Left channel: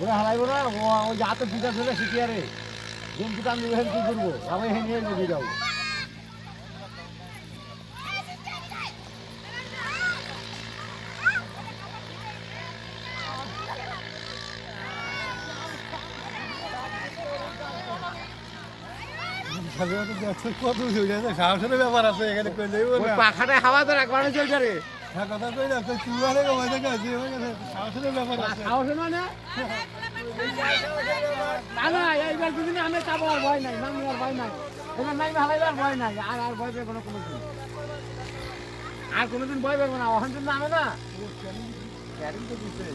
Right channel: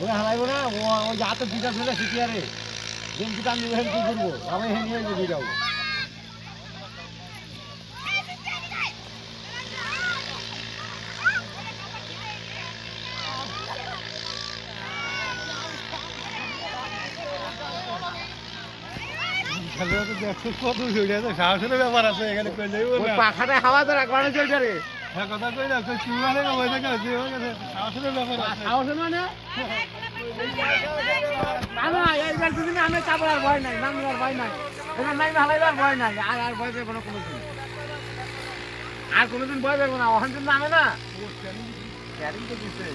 ওরা হারাইবো না, ওই হাতে বিকাশ হলে শিখি আরে কিন্তু আমি কি করবো, আমি হেন নিয়ে বেরিয়ে যাবো। সাহসের ব্যাপার আছে এখানে, পাখাটায় হাওয়া তো একবার চলছে রে। কথা কই না, সাহসের ব্যাপার আছে। সাহসের মানে আমি চাপড় আর ভয় নাই, নামি আর ভয় নাই, এখানে নামি হালাইবার ভয় নাই, আর ভয় পেবো না কোনোদিন, আর কোনোদিন ভয় পেবো না। ওখান কিন্তু নামে না ক্যারিং তো দিচ্ছে।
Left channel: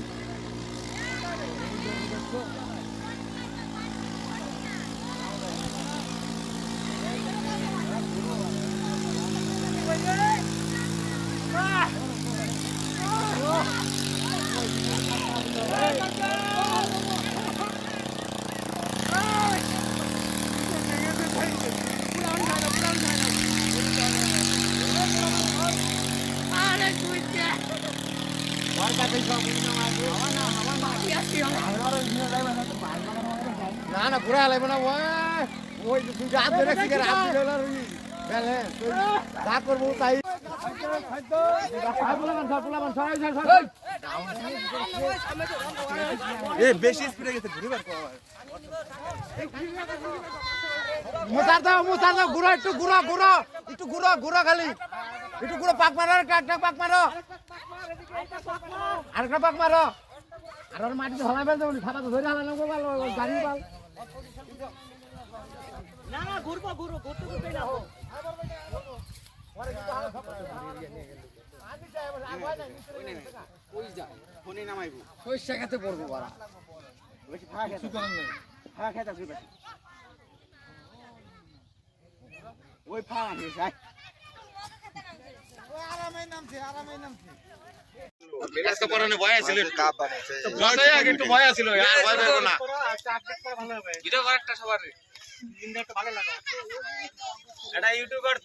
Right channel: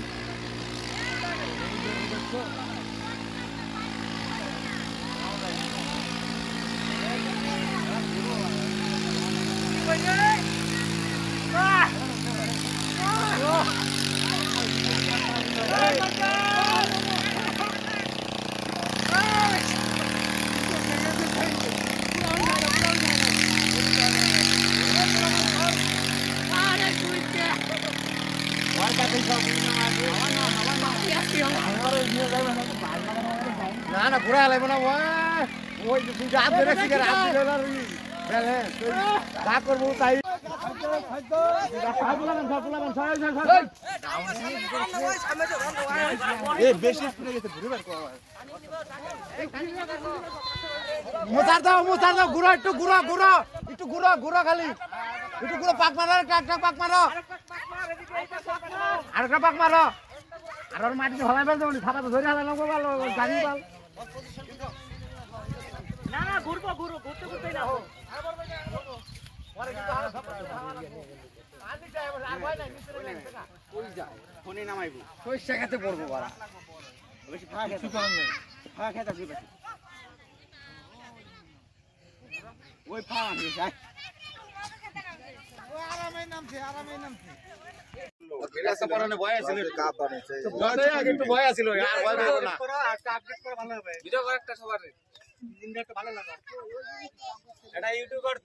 না না ঘোরা লাগবে না, ওই হাত ধরে যা করবো তাই। বেশি স্পিডে গেছে, মোচার দাও ঘুরা, একটু ঘুরা খালি একটু ঘুরা, পাক মারো, একটা পাক মারো, আর একটা পাক মারো, আর ওর মাটিতে হলাই ফেলতে বলি, খাতা তো ধরে হালানো ভালো জানি পাল না, ঘুরতে না হোক। খেতে পড়বো ওই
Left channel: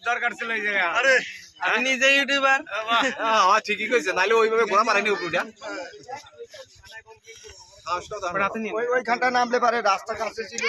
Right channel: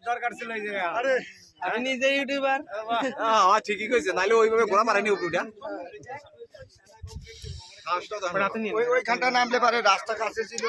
দরকার ছিল এই জায়গা। আপনি নিজে ইউটিউবার? ঠিকই কইছে, নাইলে ওইভাবে ঘোরা মারেনি উপরটা। ওইখানটা নামলে পারে, রাস্তা কাছে ছিল।